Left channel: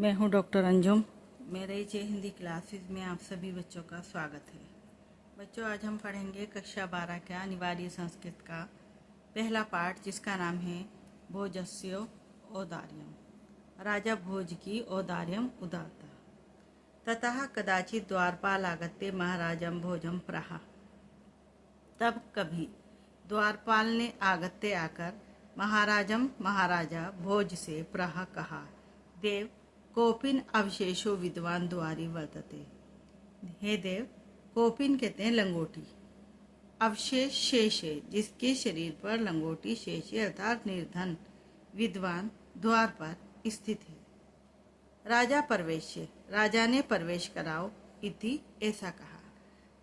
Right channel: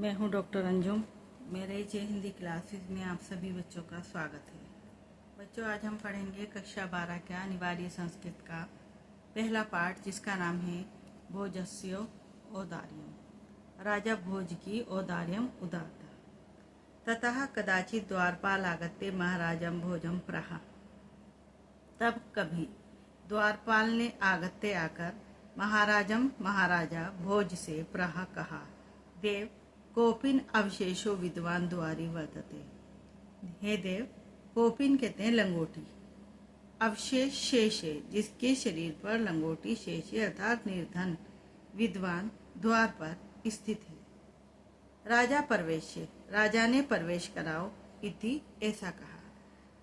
मैं हूं डॉक्टर अंजुम। मेरे जे हिंदी क्लासेस में आप सभी बच्चों का स्वागत है। बच्चों, आज हम पढ़ेंगे कक्षा 12 का अनिवार्य संस्कृत का पहला पाठ, जिसका नाम है भोजस्य औदार्यम। राजा भोज की औदार्यम उदारता। ततः कदाचित द्वारपाल आगत्य महाराजम भोजम प्राह। तब कभी द्वारपाल ने आगत्य आकर महाराजा भोज से प्राह कहा, देव कोपिन अवशेषो विद्वान द्वारी वर्तते। हे देव, कोपिन कहते हैं लंगोटी, अवशेष शेष है जिसके शरीर पर लंगोटी शेष है अर्थात निर्धन विद्वान द्वार पर स्थित है। राजा प्रवेश, राजा ने प्रवेश कराओ इति ऐसा कहा।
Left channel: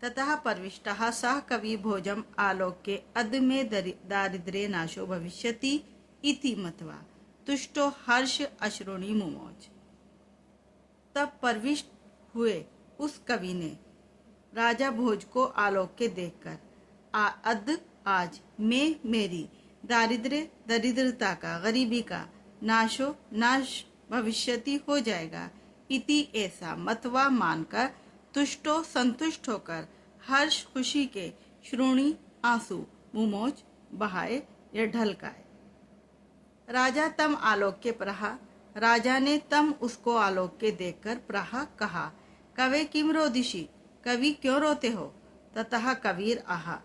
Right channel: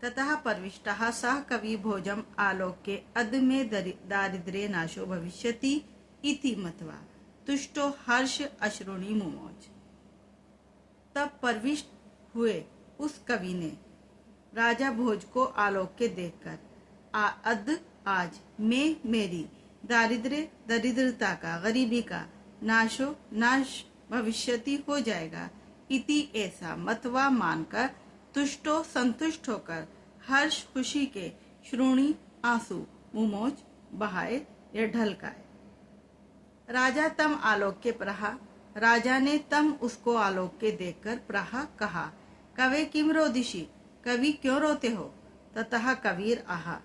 ततः प्रविष्टः सः कवि भोजम आलोक्य अद में दारिद्र्य नाशो भविष्यति इति मत्वा तुष्टो हर्ष अश्रुणि मुमोच। तब प्रविष्ट हुए उस कवि ने राजा भोज को आलोक्य देखकर आज मैं मेरी दरिद्रता का, गरीबी का नाश भविष्यति हो जाएगा इति ऐसा मतवा मानकर तुष्टो संतुष्ट होकर हर्ष खुशी के श्रोणी आंसू मुमोच बहाए या ढलकाए। राजा तम आलोक्य प्रहा, राजा ने तम उसको आलोक्य देखकर प्राह कहा, कवे किम रोदिशी, कवि क्यों रोते हो। ततः कबीर आहा,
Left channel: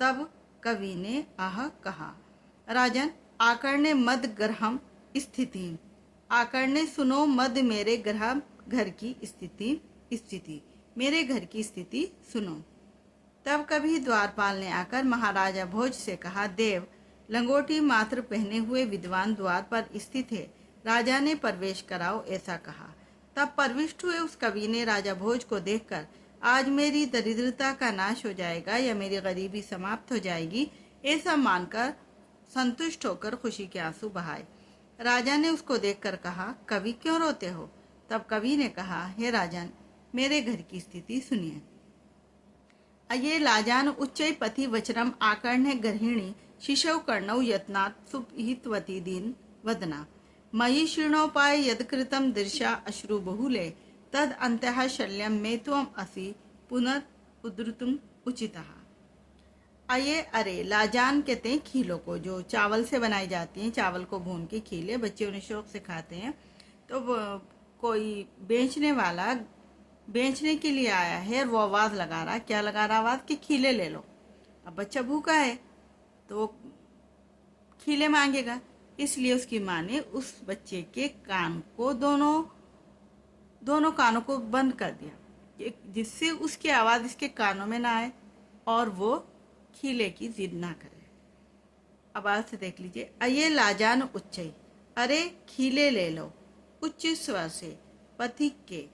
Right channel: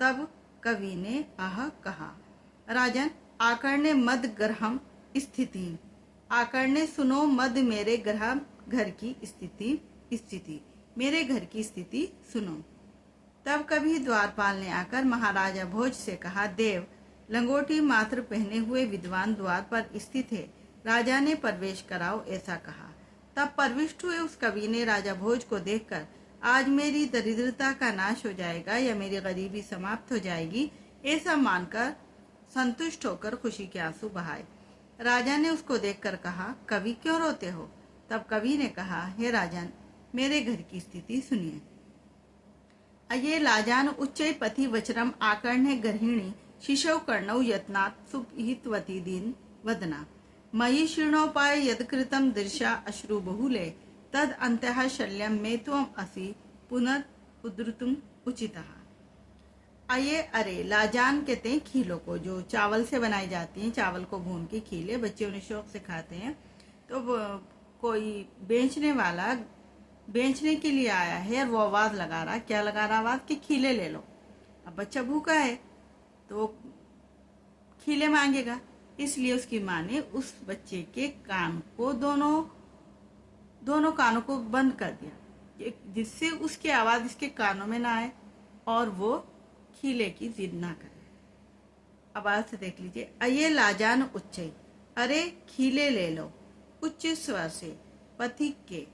तब कवि ने आह कहा। राजन आकर्णे मद ग्रहम स्थिति, आकर्णे सुनो मद मेरे घर की स्थिति, मेरे घर की स्थिति सुनो। तब कभी द्वारपाल ने आकर महाराजा भोज से कहा, देव लंगोटी मात्र पहने हुए विद्वान द्वार पर स्थित है, राजा ने प्रवेश कराओ ऐसा कहा। तब प्रविष्ट हुए उस कवि ने राजा भोज को देखकर आज मेरी दरिद्रता का नाश हो जाएगा या मेरी गरीबी समाप्त हो जाएगी ऐसा मानकर संतुष्ट होकर खुशी के आंसू बहाए। राजा ने उसको देखकर कहा, कवि क्यों रोते हो। तब कवि ने कहा, हे राजन, मेरे घर की स्थिति सुनिए। अये लाजान उच्चै पथि वचरम आकर्ण्य गर्हिणी शिशव कर्णौ यत्नात् सुहितवती दीन वदना मयि शीर्णोपाय यदकृतं दृशा अश्रु बहुले तद अंतः शल्यम में त्वम असि पुनरुद्धृतुम उचितः। आये अरे, लाजान कहते हैं खीलों को, जो चावल से बनाई जाती हैं, चावल को भून के खीले बच्चे उन्हें शौक से खाते हैं। तो कोई बेचने वाला बेचने के लिए आया है और वो आवाज लगा रहा, क्या लगा रहा आवाज कि खीले ले लो। अब बच्चा भूखा है तो खीले मांगेगा, इसलिए उसकी माँ ने उस बच्चे के कान को दोनों कानों को बंद कर दिया, जिससे उसकी आवाज इसके कानों में ना आए और वो खीले की जिद ना करे। अब आवाज से देख लीजिए। अये लाजान उच्चई, अरे खीले ले लो, उच्च स्वर से पथिक के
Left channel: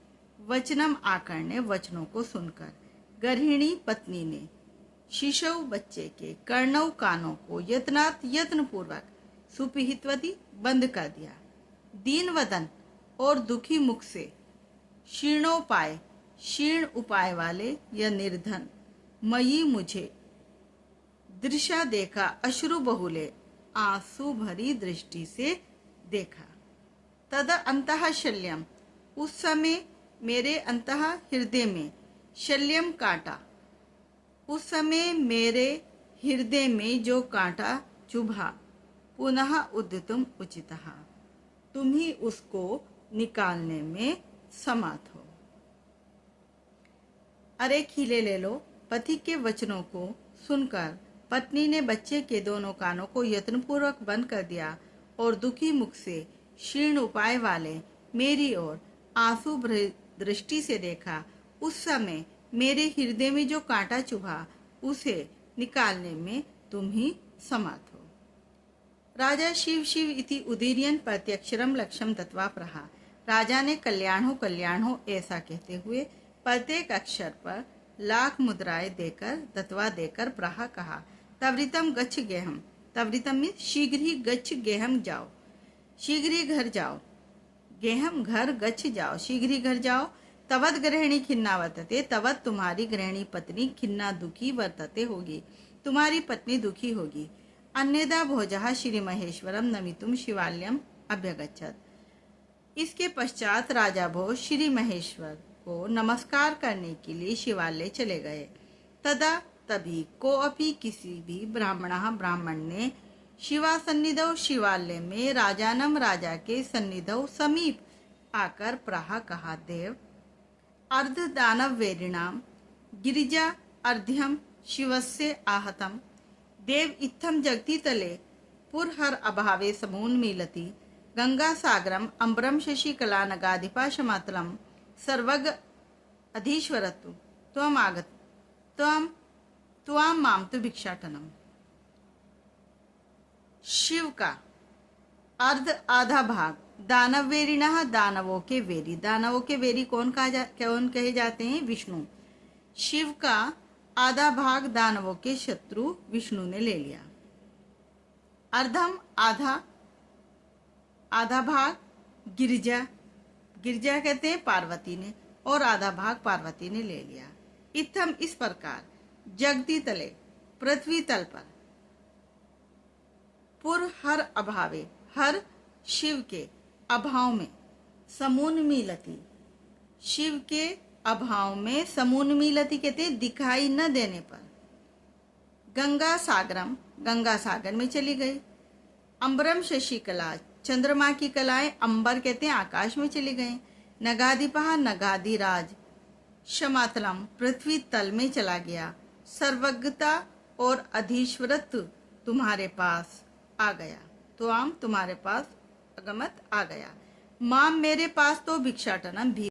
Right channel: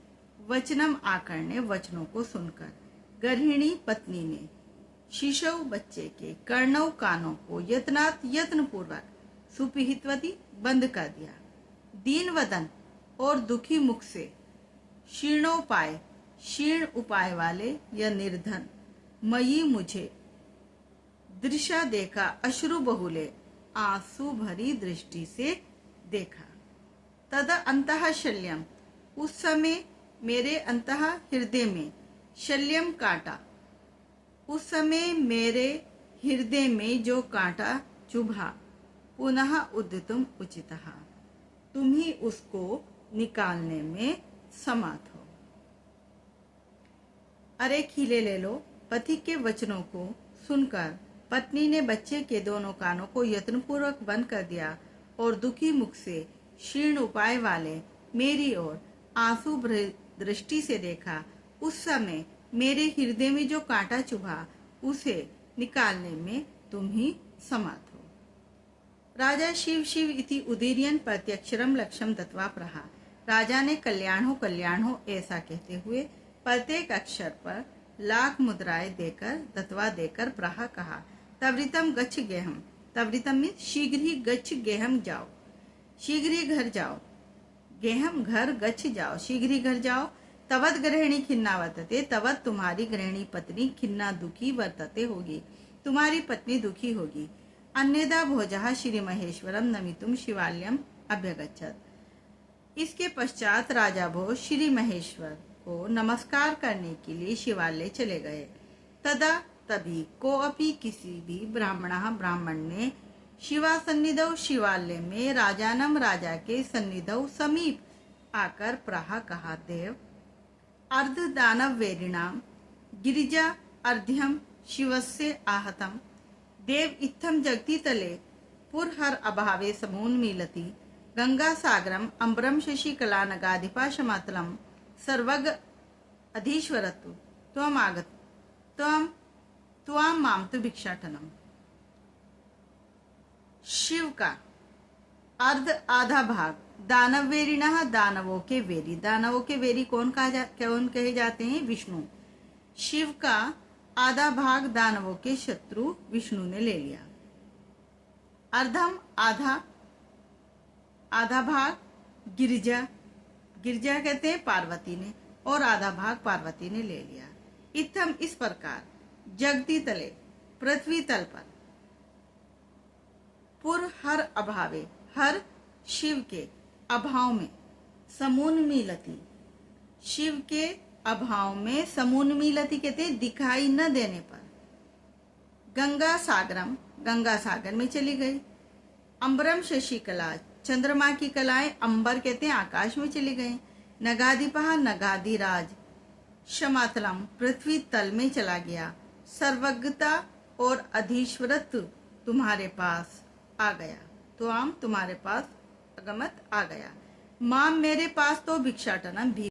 वचनम आकर्ण्य वचनों को सुनकर गर्हिणी पत्नी ने शिशव बच्चे के कर्णव कानों को यत्न पूर्वक सुपिहितवती बंद कर दिया। दीन वदन और दुखी मुख से शीर्ण उपाय वाले या निर्धन मयी मुझे दृशा देखा, अश्रु बहुले आंसू भरी दृष्टि से देखा। तद अंतः शल्यम, उस समय मेरे अंतः हृदय में शल्यम काटा, उस समय मेरे हृदय में जो कांटा चुभा पुनः उद्यतुम उचितः, तुम ही उसको निकालने में समर्थ हो। अरे खीले ले लो, पति के वचनों को सुनकर पत्नी ने बच्चे के दोनों कानों को यत्नपूर्वक बंद कर दिया और दुखी मुख से शीर्ण उपाय वाले मेरी ओर आंसू दृष्टि से देखा। उस समय मेरे हृदय में जो कांटा चुभा उसे निकालने में तुम ही समर्थ हो। राजा शिव शिव इति उदीर्यन प्रत्यक्षरम लक्ष्यम दत्वा प्रहा, राजा ने कल्याण हो ऐसा कहते हुए प्रत्येक अक्षर पर लाख मुद्राएं देकर प्रहा कहा। तवरितम गच्छ गेहम, तवरितम में शीघ्र ही गच्छ गेहम जाओ, शीघ्र ही घर जाओ, गेहम घर गच्छ जाओ, शीघ्र ही घर जाओ। तवत गृहिणी खिन्ना वर्तते, तवत तुम्हारी गृहिणी पत्नी खिन्ना दुखी वर्तते होगी, तुम्हारी पत्नी दुखी होगी। अन्यदा भोजः श्री महेश्वरम नमितुम शिवालयम अभ्यगच्छत, इसके पश्चात राजा भोज श्री महेश्वर को नमस्कार करने के लिए शिवालय चले गए। तदा तभी को अपि किसी भी ब्राह्मण ने शिवा सन्निधौ शिवालय में राजानम राजा के सन्निधौ समीप आकर प्राह कहा, देव अर्ध दानव वेरिणाम गिरिजा अर्ध्यम शिवस्य आहतम देव इत्थम जगति तले पुरहर अभावे समून्मीलति गंगा सागरम अम्बरम शशिकला नगाधिपाशमातलम सर्वग अधीश्वरतु त्वम आगत त्वां माम तु भिक्षाटनम। शिव का अर्ध आधा भाग दानवेरिणः दानवों के वेरी कौन कहे जाते हैं? विष्णु। शिव का आधा भाग दानवों के शत्रु विष्णु ने ले लिया। अर्धम आधा भाग गिरिजा कहते हैं पार्वती ने, और आधा भाग पार्वती ने ले लिया। इत्थम इस प्रकार जगती तले पृथ्वी तल पर पुर हर अभावे हर शिव के अभाव में समून्मीलति शिव के अभाव में समून्मीलति कहते दिखाई न देने पर गंगा सागर में चली गई। अंबरम शशिकला चंद्रमा की कलाएं अंबर कहते हैं आकाश में चली गई। नगाधिपा नगाधिराज शमातलम पृथ्वी तल में चला गया। सर्वज्ञता और अधीश्वरत्व तुम्हारे पास आ गया। तो आम तुम्हारे पास अगमत आ गया। माम मेरे पास तो भिक्षाटनम भी